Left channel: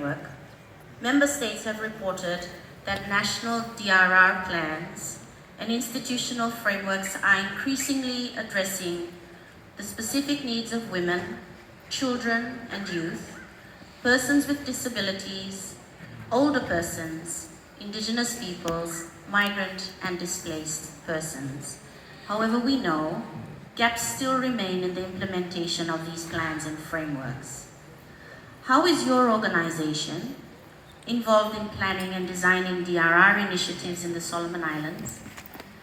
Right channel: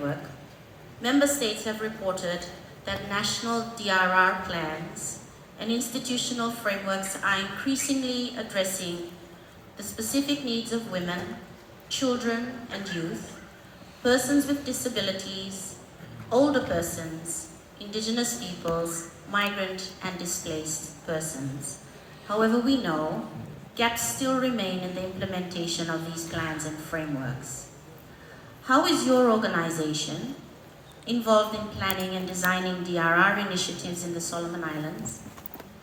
framework, member states have reported that national DRR plans and institutional frameworks are increasingly addressing the specific needs of women, children and youth, persons with disabilities, older persons, indigenous peoples, migrant and displaced persons. However, we know gaps still remain in the implementation of these plans and frameworks. How is your organization involved in planning and designing DRR initiatives in the Solomon Islands?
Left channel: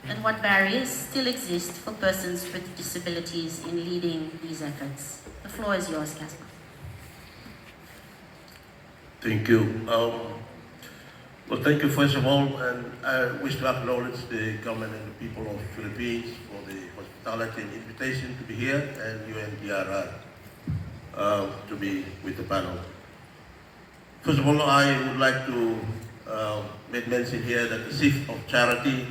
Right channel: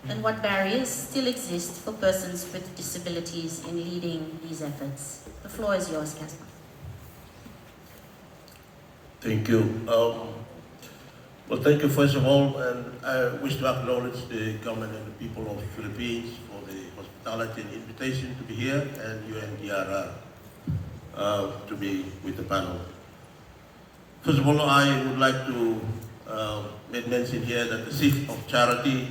And what barriers still exist for persons with disabilities in leading these efforts? The floor is yours, Casper. Thank you. Well, thank you first of all, and I wish to acknowledge the government and the people of the Philippines for the hospitality and invitation to be here, and UNDRR to be with the panel. First of all, I would like to make mention here that the shift of charity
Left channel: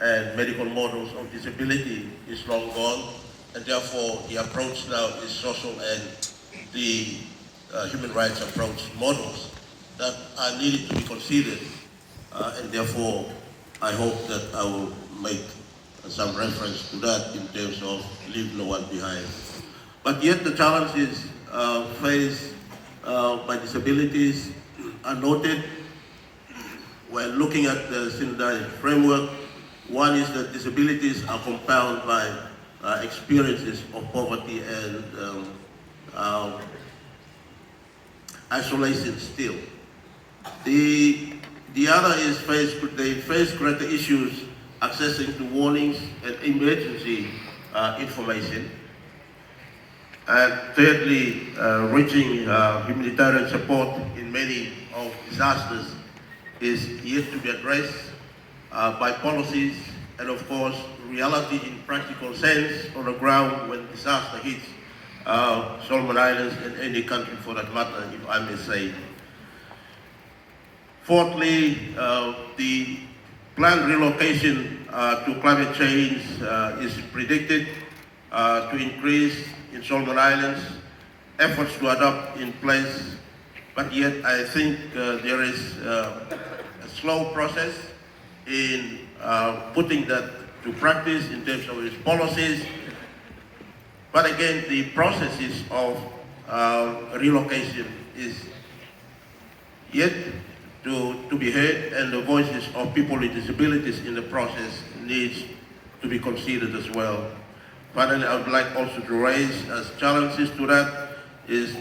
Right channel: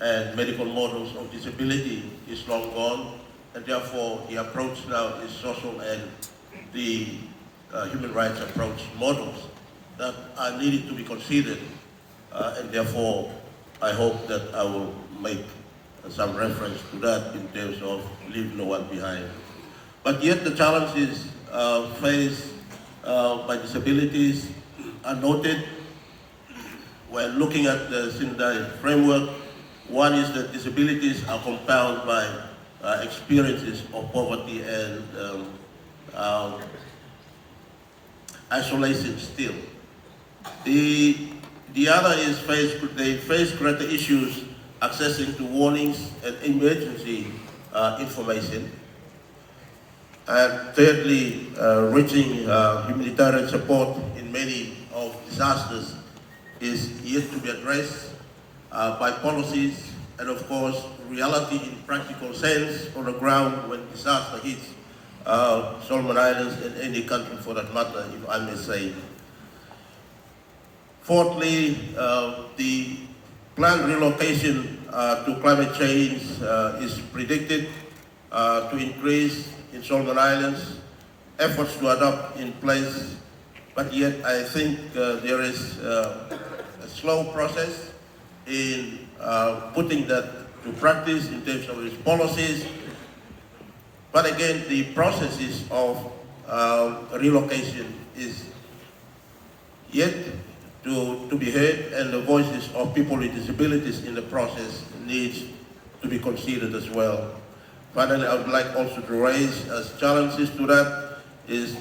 and medical models of disability is long gone, and therefore the approach now is social and the human rights approach models that are needed to be considered, and therefore I hope that I will make some reference to that in terms of leave no one behind. But yet the challenges faced by disabilities are noted when looking at the Sinai framework. One is that disabilities are compounded by experiences of poverty and isolation still. The other is they face greater issues accessing to warnings and emergency information. And thirdly, reaching humanitarian support in many of disasters is yet to be addressed by policies and of course reality in practical sense on the ground when disaster hits Solomon Islands and any country for that matter, if I may say. Fourthly, the planned relocation to climate change is predicted to increase in Solomon Islands. Efforts to adopt in place, but yet I think there is a slow process in putting that to practice in terms of its policies. But again, the processes of relocation is yet to be heard, and the voices of people with disabilities in the process needs to be considered as well. Finally, I would like also to raise as challenges to that is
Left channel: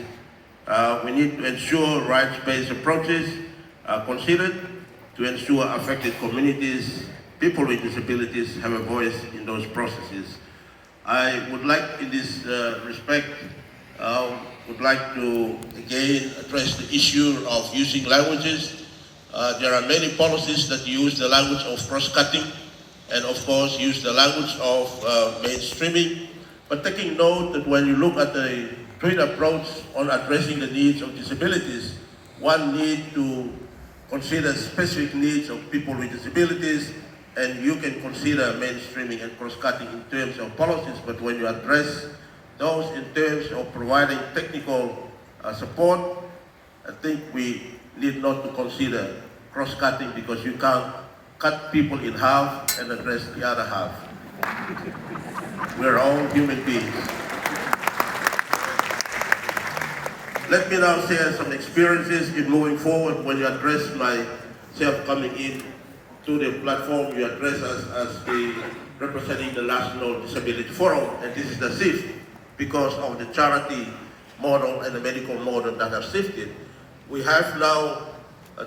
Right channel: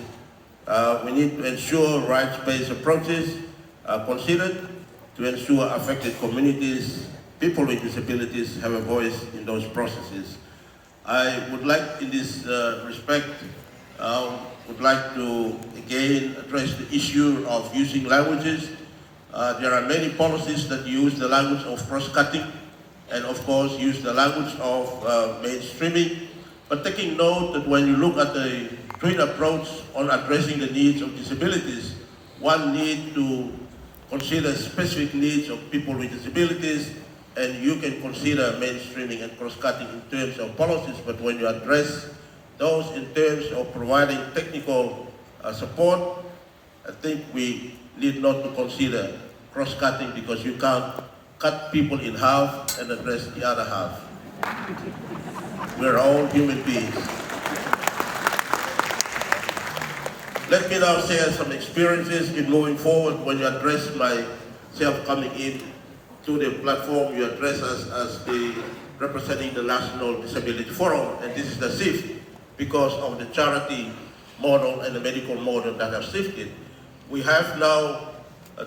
we need to ensure rights-based approaches are considered to ensure affected communities, people with disabilities have a voice in those processes. I would like in this respect, would like to again address the issue of using languages. There are many policies that use the language of cross-cutting and of course use the language of mainstreaming, but taking note that when you look at the twin approach on addressing the needs of disabilities, one needs to consider specific needs of people with disabilities, and you can consider mainstreaming and cross-cutting in terms of policies, but when you address those in terms of providing technical support, I think we need not to consider cross-cutting because you can't cut people in half and address the other half. We're all human beings. Let me now share some experiences in moving forward. When you address myself coming in to the platform, you address us as the representing the National Disability Forum, and this is the shift because of the charity model and the medical model that have shifted. We have now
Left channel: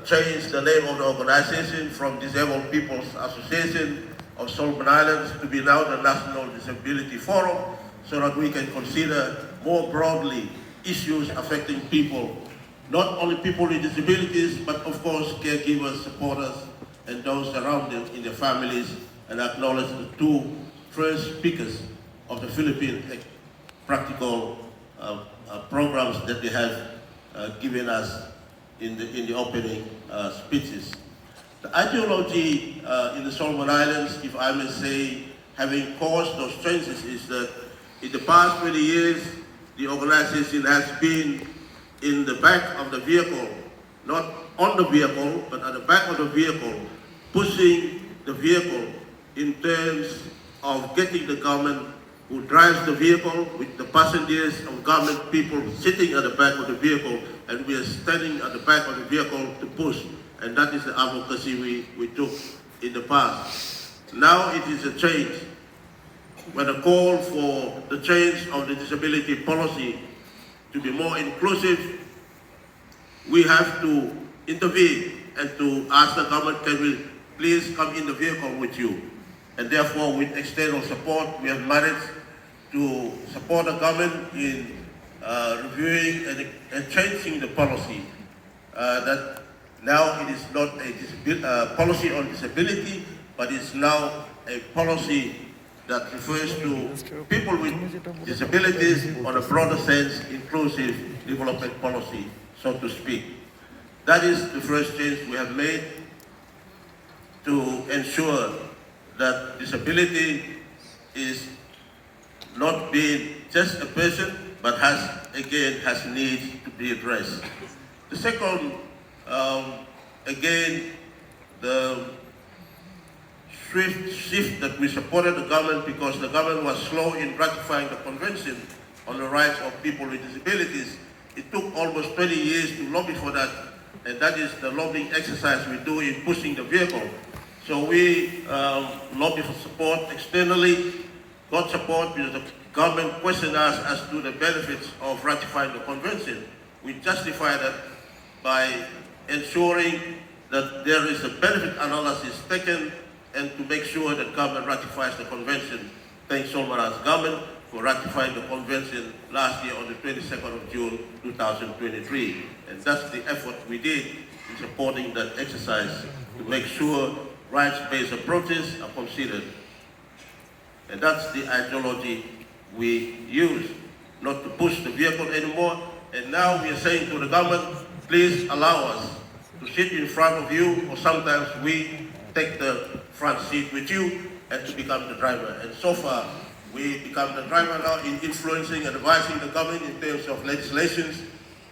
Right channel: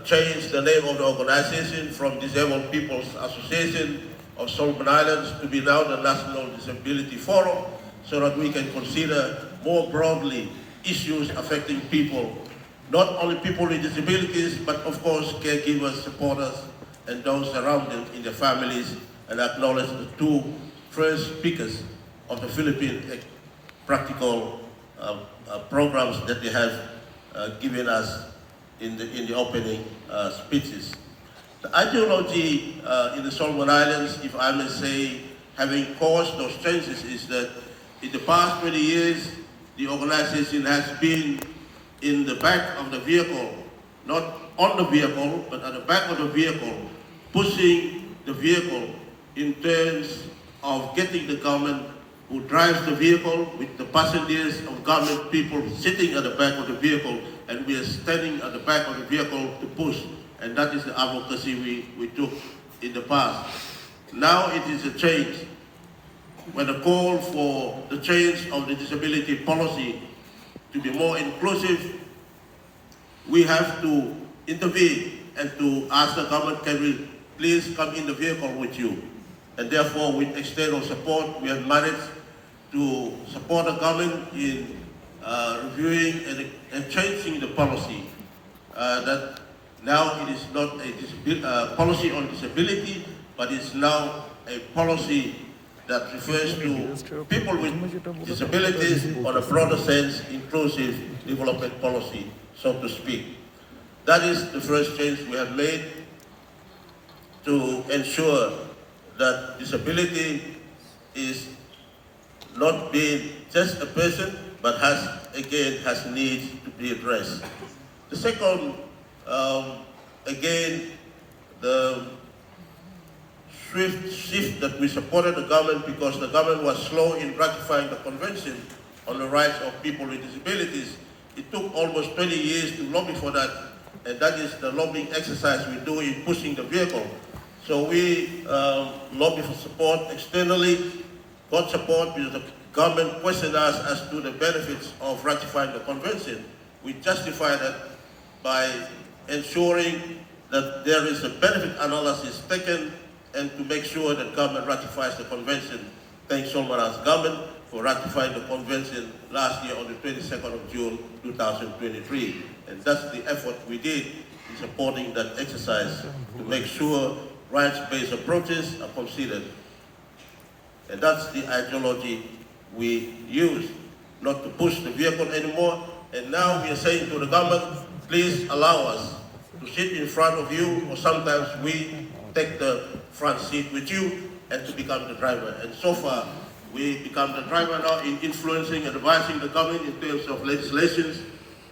changed the name of the organization from Disabled People's Association of Solomon Islands to be now the National Disability Forum, so that we can consider more broadly issues affecting people, not only people with disabilities, but of course caregivers, supporters, and those around them in their families, and acknowledge the two first speakers of the Philippine practical programs that they have given us in the opening speeches. The ideology in the Solomon Islands, if I may say, having caused those changes is that in the past 20 years, the organization has been in the back of the vehicle not on the vehicle, but at the back of the vehicle, pushing the vehicle in terms of getting the government who drives the vehicle with the passengers of government people sitting at the back of the vehicle, and we are standing at the back of the vehicle to push. And that is the advocacy we took in the past. Now it is a change. When the call for the change of the disability policy to be more inclusive, we have to intervene and to ask the government, can we please come in the vehicle with you? And therefore, with external support, we have managed to support the government in reviewing and changing the policy. That now it is not a policy on disability, but it's now a policy that refers to people with disabilities on a broader sense, inclusive development policy, so to speak. That is the first change we have made to ensure that disability is not being just a person, but has needs to be addressed. The second, again, the swift shift that we supported the government because the government was slow in ratifying the Convention on the Rights of People with Disabilities. It took almost 20 years to lobby for that, and that is the lobbying exercise we do in pushing the vehicle. So we lobby for support externally, got support because the government questioned us as to the benefits of ratifying the Convention. We justify that by ensuring that there is a benefit analysis taken and to make sure that government ratifies the Convention. Thanks so much, government, for ratifying the Convention last year on the 22nd of June, 2023. And that's the effort we did in supporting that exercise to make sure rights-based approaches are considered. And that's the ideology we use, not to push the vehicle anymore. And now we are saying to the government, please allow us to sit in front of you, or sometimes we take the front seat with you and to become the driver. And so far, we become the driver now in influencing and advising the government in terms of legislations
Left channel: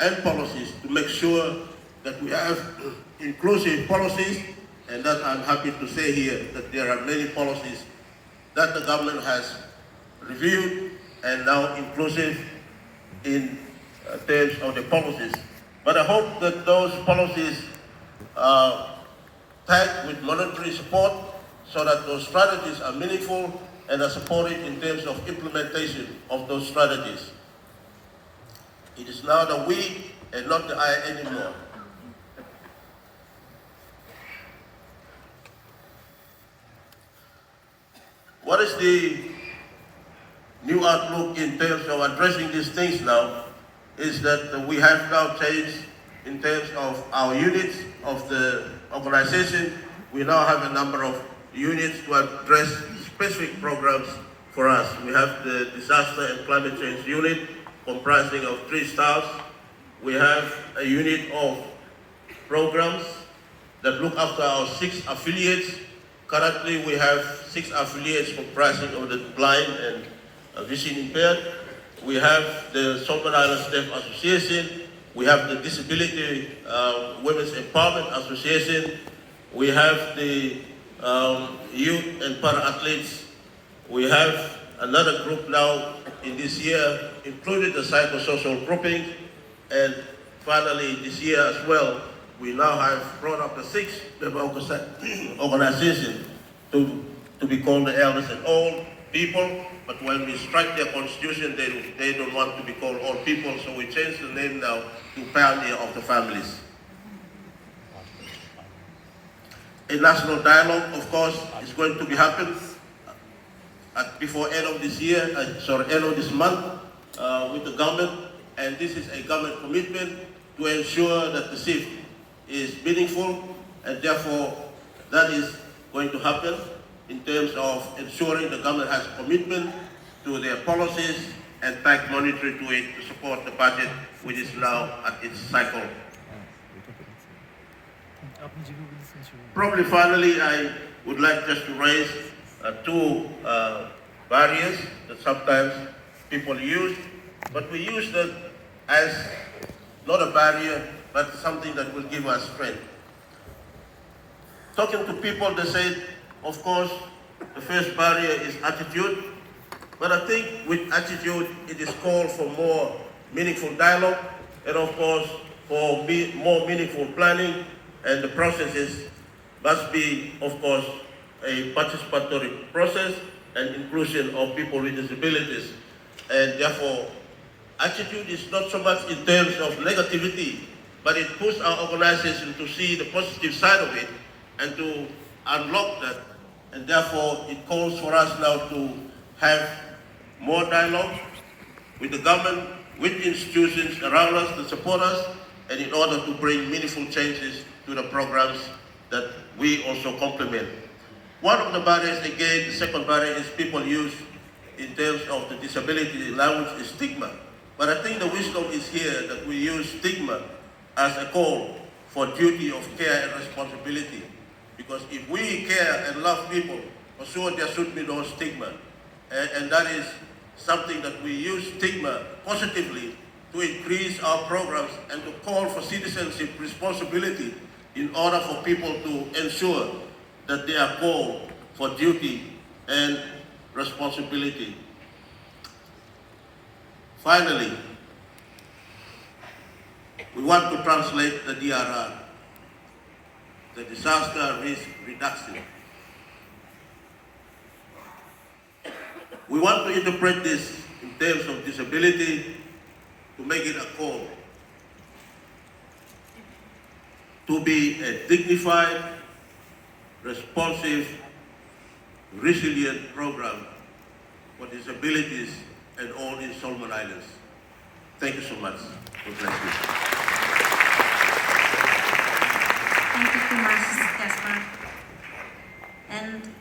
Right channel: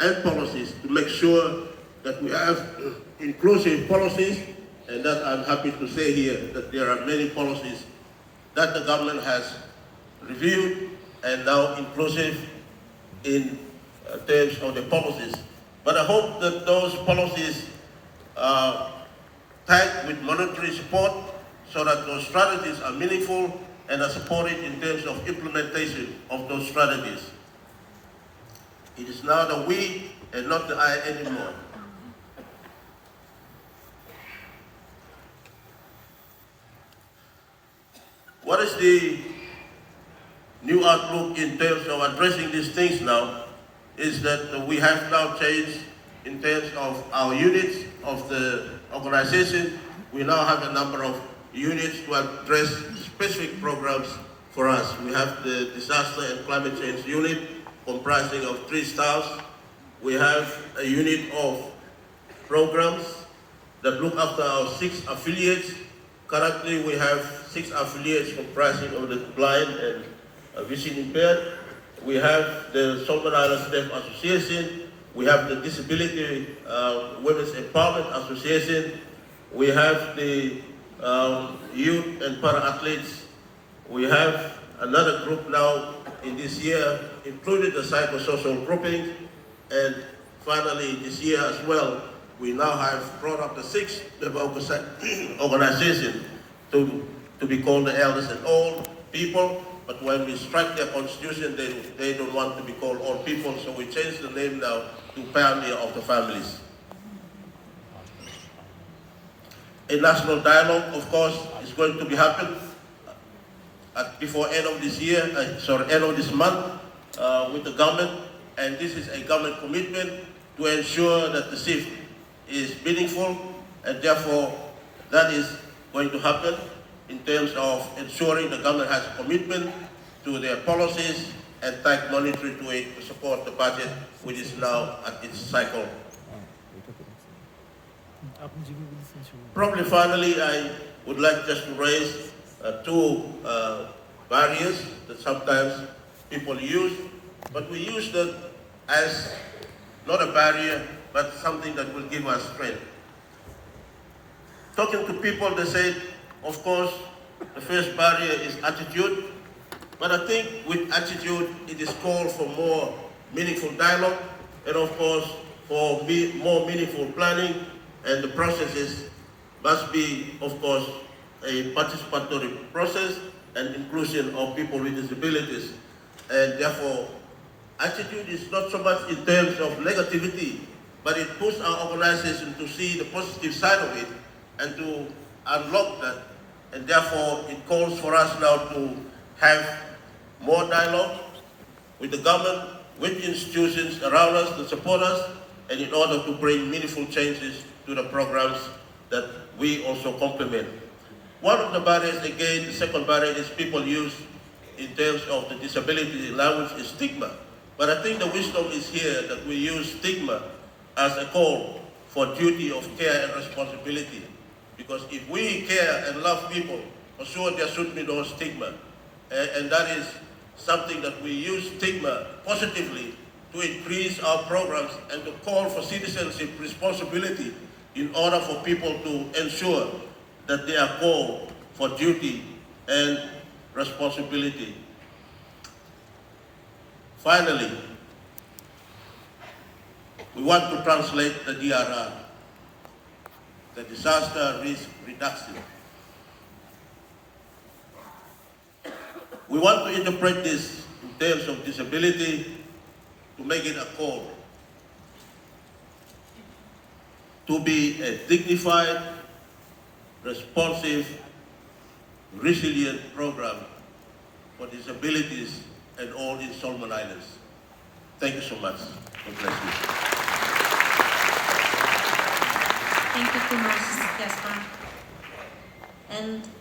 and policies to make sure that we have inclusive policies, and that I'm happy to say here that there are many policies that the government has reviewed and now inclusive in terms of the policies. But I hope that those policies are tagged with monetary support so that those strategies are meaningful and are supported in terms of implementation of those strategies. It is now the we and not the I anymore. What is the new outlook in terms of addressing these things now is that we have now changed in terms of our units of the organization. We now have a number of units to address specific programs for us. We have the Disaster and Climate Change Unit comprising of 3 staffs. We have a unit of programs that look after our 6 affiliates. Currently, we have 6 affiliates comprising of the blind and vision impaired. We have the Solomon Islands Deaf Association. We have the Disability Women's Empowerment Association. We have the youth and para-athletes. We have another group now in this year, including the psychosocial grouping. And finally, this year as well, we now have brought up the 6th organization to be called the elders and old people. But when we strike their constitution, they don't want to be called old people, so we changed the name now to Pioneer of the Families. A national dialogue, of course, is going to be happening before end of this year, end of this month with the government. And this is a government commitment to ensure that the shift is meaningful, and therefore that is going to happen in terms of ensuring the government has a commitment to their policies and tag monetary to it to support the budget, which is now at its cycle. Probably finally, I would like just to raise 2 barriers that sometimes people use, but we use them as not a barrier, but something that will give us strength. Talking to people, they said, of course, the first barrier is attitude, but I think with attitude, it is called for more meaningful dialogue, and of course, for more meaningful planning, and the processes must be, of course, a participatory process and inclusion of people with disabilities. And therefore, attitude is not so much in terms of negativity, but it puts our organization to see the positive side of it and to unlock that. And therefore, it calls for us now to have more dialogue with the government, with institutions around us to support us, and in order to bring meaningful changes to the programs that we also complement. One of the barriers, again, the second barrier is people use in terms of the disability language is stigma. But I think the wisdom is here that we use stigma as a call for duty of care and responsibility. Because if we care and love people, for sure there should be no stigma. And that is something that we use stigma positively to increase our programs and to call for citizenship responsibility in order for people to ensure that they are called for duty and responsibility. Finally, we want to translate the DRR, the disaster risk reduction. We want to interpret this in terms of disability to make it a call to be a dignified, responsive, resilient program for disabilities and all in Solomon Islands. Thank you so much. God bless you. Thank you too much, Casper. And